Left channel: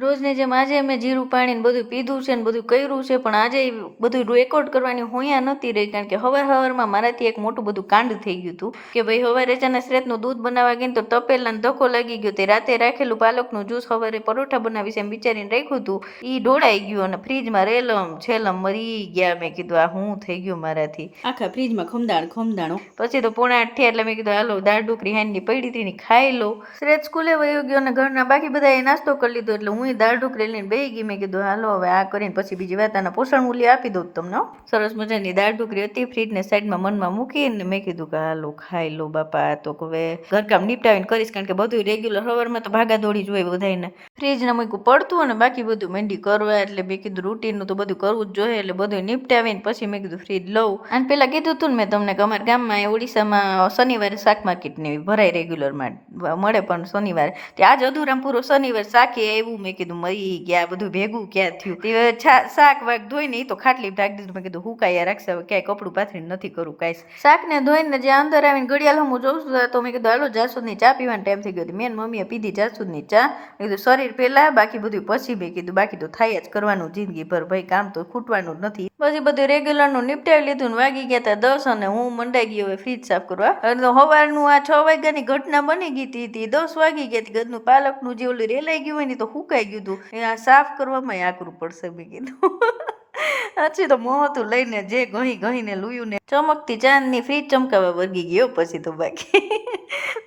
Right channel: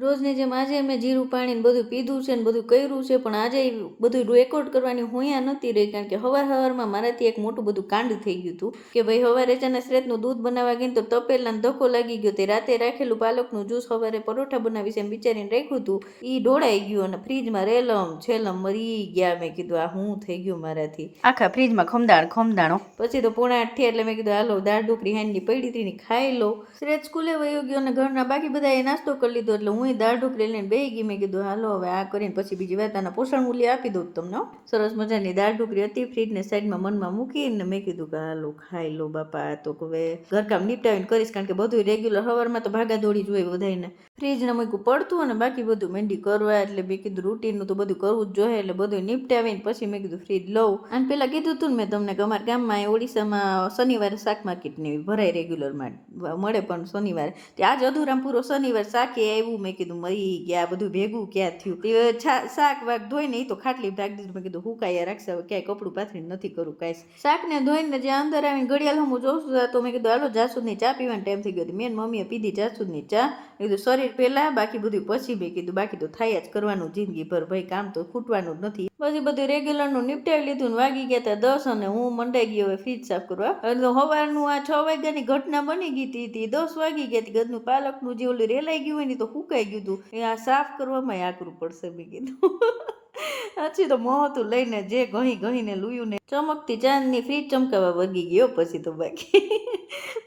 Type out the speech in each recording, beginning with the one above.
રોજની જેમ આજે મેં જીરું પાણી ને બધું પીધું છે ને બધું કર્યું છે, પણ આજે બધું રેકોર્ડ કરવાની હોયા નહોતી રહી, કારણ કે સવારમાં મારાથી એક મોટું બધું કાંડ થઈ ગયું હતું કે ભાઈ સવારે ચાના શ્રેતનું દૂધ બનાવવા ગઈ તો તપેલાને ધક્કો લાગી ગયો. તે રાતે રાખેલું પાલકનું જ્યુસ સવારે પરોઠા બનાવીશ એમ વિચારીને રાખ્યું હતું, એ ઢોળાઈ ગયું અને ફ્રીજમાં રેલમ છેલમ મરી ગયા. મેં કીધું આ હું થઈ ગયું મારાથી, આખા ફ્રીજમાં ખમદાણો. પછી તો 7:30 થયા એટલે મેં કીધું હાલો દાળ ઢોકળી હાંડની પડી હતી ને ખાઈ લો. શ્રેત સ્કૂલે વયો ગયો અને ઘરના બાકી બધાએ નાસ્તો કરી લીધો એટલે હું દાળ ઢોકળી લઈને બેસી ગઈ. મેં કીધું હાલો હવે આ કરીને પછી બીજી વાત આના પોષણ મૂલ્ય આપી દઉં તમને. સરસ મજાની દાળ ઢોકળી હતી, ફ્રીજને સાઈડમાં મનમાં મૂકીને મેં કીધું કે હાલો ખાઈ લો બાપા, તો હવે ઘરકામ નિપટાવીને કરીશ, કારણ કે બધું રેગ્યુલર સવારમાં તો ભાગા દોડી જ હોય બધાને. ફ્રીજને મૂકવું પડતું અને બાકી બધું મંડી કરવા, એટલે મેં કીધું રૂટીનનું તો બધું કરવું જ જોઈએ, એટલે બધું નિપટાવીને પછી મેં કીધું ફ્રીજ લઉં. અને પેલા કીધું હતું ને મેં તમને કે અમારા ગામમાં ઓડિશામાં શનિવારે શાક માર્કેટની ભરાય રેગ્યુલરમાં મળે, પણ શનિવારે આજ અધૂરામ પૂરો શનિવાર શાકે એવું. મેં કીધું મરી ગયા, બધું ભેગું ક્યાં થયું. તે શાક વાક ધોઈને એ તો ખાટલી ઢાંકી દીધું. મેં કીધું હુકાયા રાખશે, હવે ક્યાંય કપડું પાથરીને નથી કરવું કાંઈ. શાકને ધોઈને જે અંદર આવીને ઘડિયાળ હું જોઉં છું તો મેં કીધું હાલો જાસૂદની ચા પીવાનો ટાઈમ થઈ ગયો. મેં મમ્મીએ પીધી જાસૂદની ચા. મેં કીધું શરીર પહેલાં બાકી બધું પછી. મેં કીધું બાકી તો થાય જ કરવાનું જિંદગીભર, ભાઈ કામ તો ખૂટવાનું જ નથી. પછી બધું રેગ્યુલરનું નિપટાવી લીધું ને વાગી ગયા હતા 10 અને હું મંડાઈ ગઈ હવે ફ્રીજ સાફ કરવા. તો સવારનું આ 6 વાગ્યાની ઘટના બની ગઈ હતી, 10 વાગી ગયા હતી. ઘરનું પાલકનું જે ઓલું રેલાઈ ગયું હોય ને તો હુકાઈ ગયું હતું, આ સાફ કરવામાં આકરું પડશે મેં કીધું. પછી તો મોહતું લઈને જે ઘહીને લૂયું ને ચમકતી ચાંદની ફ્રીજ ચમકાવા વર્ગી ગયો પછી તો બાકી.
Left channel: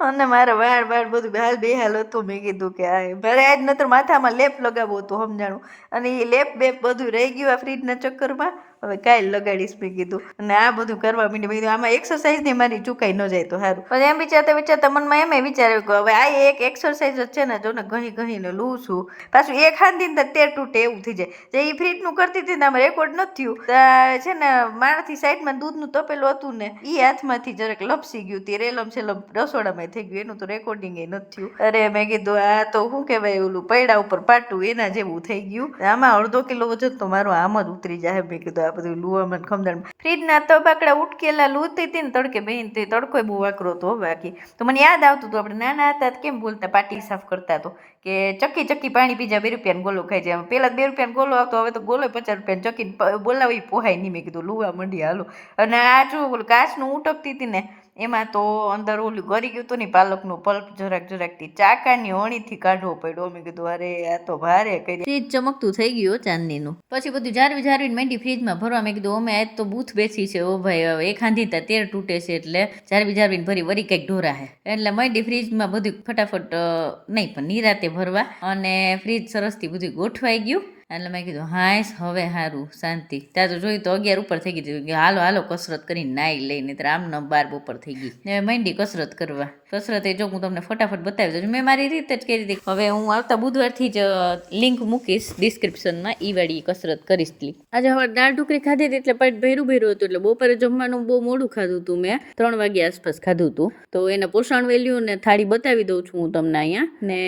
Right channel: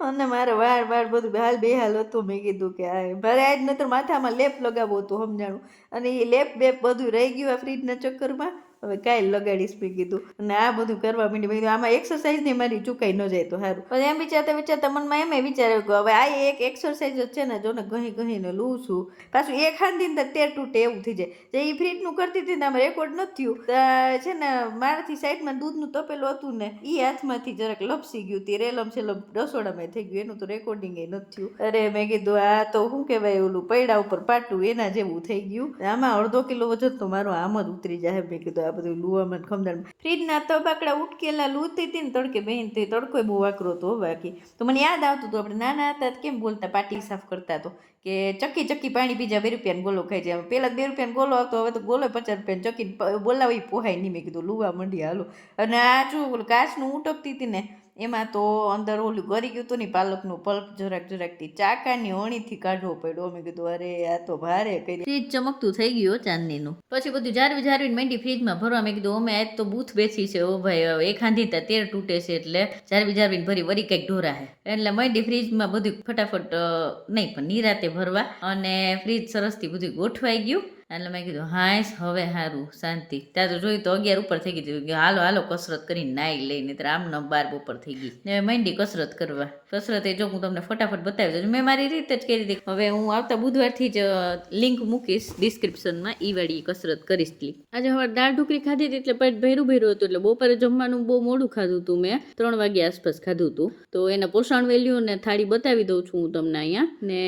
અને મારે વાળ બધું બેહાલ હતું. મેં કીધું કે આ મારે આજ નતર માથામાં લેપ લગાવવો હતું સમજાણું, અને એ લેપ બેપ બધું રહી ગયું આ ફ્રીજના ચક્કરમાં. હવે કાલ લગાડીશ મેં કીધું, અને આ બધું કરવા માંડી. મેં કીધું આમાં એક્સરસાઇઝ ને મારી ચૂકાઈ ન જાય તો સારું. પછી એમ વિચારતા મનમાં એમ વિચાર્યું કે હવે આ એક એક્સરસાઇઝ જ છે ને, જો ને ઘહીને લઉં છું પાછું એક હાંધીને તેર તૂટે એવું થઈ જાય. જે એ ફ્રીજનું કરતી હતી ને આમાં રેકોર્ડ નથી થયું છે ને, મારાથી સાઈડમાં દૂધનું તપેલું હતું ને એ હાથમાંથી જરાક લપસી ગયું. તે રેલમ છેલ્લમ રસોડામાં થઈ ગયું, એનું તો રેકોર્ડિંગ એ નથી થયું. અરે મેં કીધું આ તો શું કહેવાય ઓલું પૈડા ઉપર પાટું એના જેવું થઈ ગયું. આમાં અડધો કિલો વજન તો મારો આમ જ ઉતરી જાય. મેં કીધું આ બધું લુવામાં ખમદાણ. ફ્રીજના તબાકડા ઉટકેલા લૂતી હતી ને તડકે બેન, તે તડકો બહુ વાકરો હતો બાકી. તો મને યાદ આવતું હતું આપણે નાના હતા કેમ બોલતા, પાટી સાફ કરતા તો કે ચક્કી પાણી પીજા 2 રૂપિયાનો ગોલો ખાઈ જાય. પહેલાં 2 રૂપિયાનો ગોલો આવતો, હવે તો ગોલો 50 રૂપિયાનો. ચક્કી બોલાવી પોહાય નહીં. મેં કીધું લુવા મંડી હાલો. અને આ જો ઓલું કાચનું ઉટકતી હતી ને એમાં તો અંદર ઓલું ગરી ગયું હતું ને પાલકનું પલ્પ જરાકથી ચાકાની અણીથી કાઢવો પડ્યો. મેં કીધું અરે આ તો ભારે કરી. ફ્રીજ ચમકતું થઈ ગયું ચાંદનીનું. પછી બધું જાળવીને માંડી ફ્રીજમાં ભરવા. મેં કીધું અમે આજ તો બૂથ બેસી છે ઓ ભાઈ, એક હાંધી તેર તૂટે છે એટલે જાળવીને ભરી વરી કંઈક ઢોરા હે એટલે માંડી ફ્રીજમાં બધું ફટાફટ નહીં પણ નિરાતે ભરવા. અને ફ્રીજ સરસથી બધું ગોઠવાઈ ગયું. એટલે મેં કીધું હાઈસ હવે સારું શાંતિ. ત્યાં તો જોયું તો 11 ઉપર થઈ ગઈ કે હાલો કસરત કરીને નાઈ લઈને, આમ 12 બપોર થઈ ગઈ. હવે માંડી કસરત કરવા. કસરત એ જો હું તમને ફટાફટ બતાવી દઉં. મેં મારી રીતે જ કરી હતી. હવે હું આવતા બુધવારથી જ લિંક મૂકીશ ડિસ્ક્રિપ્શનમાં, ઈ વાળી કસરત કરીશ. આજે હવે દાળ ઢોકળી ખાધી હતી એટલે પેટ ભેરું હતું. એટલે બપોરે જમવાનું બહુ મોડું ખાધું હતું. મેં 3 વાગ્યા આસપાસ ખાધું હતું. તો એના પોષણ વેલ્યુ ને થાળી બતાવી દઉં છું હું તમને અહીંયા. ને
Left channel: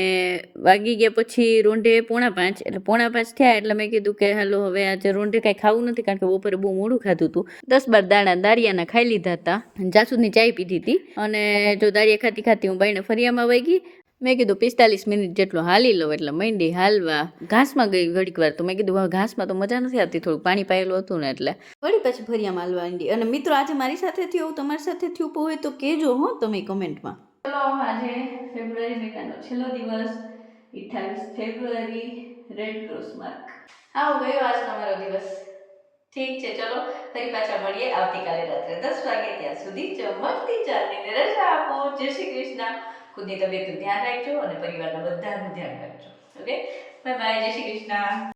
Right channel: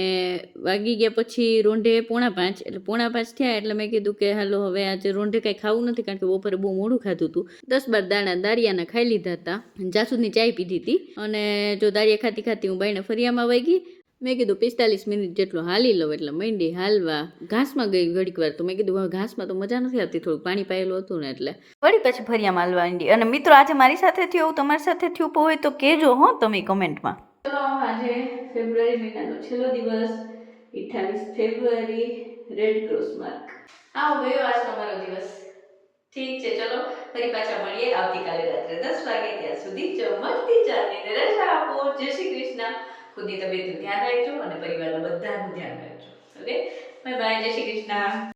વાગી ગયા પછી રોંઢે 4:45 એટલે 4:45 થયા એટલે મેં કીધું કે હાલો હવે આજે રોંઢે કાંઈ ખાવું નથી, કારણ કે બપોરે બહુ મોડું ખાધું હતું. 10-12 દાણા દાળિયાના ખાઈ લીધા હતા. જાસૂદની ચાય પીધી હતી. અને જો દાળિયા ખાતી હું બાઈને ફરિયામાં વહી ગઈ. મેં કીધું 45 મિનિટ જેટલો હાલી લઉં એટલે મંડી હાલવા. ઘાસમાં ગઈ ઘડીક વાર, તો મેં કીધું હવે ઘાસમાં તો મજા નથી આવતી, થોડું પાણી પાયેલું હતું ને એટલે વળી પછી ફરિયામાં હાલવા માંડી. અને મિત્રો આજે મારી સાથે થયું એવું તમારી સાથે થયું હોય તો કહેજો હો તમે કમેન્ટમાં. ચલો આજે ફેબ્રુઆરી મહિનાનો છેલ્લો દિવસ, 28 ફેબ્રુઆરી, રેડ ક્રોસ માર્ક. આવો ગયો આજનો મારો દિવસ. ઠીક છે, ચલો ફરી પાછા મળીએ આવતીકાલે રાત્રે 10 વાગે. ત્યાં સુધી ચમકતી ચાંદનીને રજા આપો. જય શ્રી કૃષ્ણ. ખુદની તબિયતનું ધ્યાન રાખજો અને પરિવારના બધાનું ધ્યાન રાખજો. Okay, bye bye. જય શ્રી કૃષ્ણ.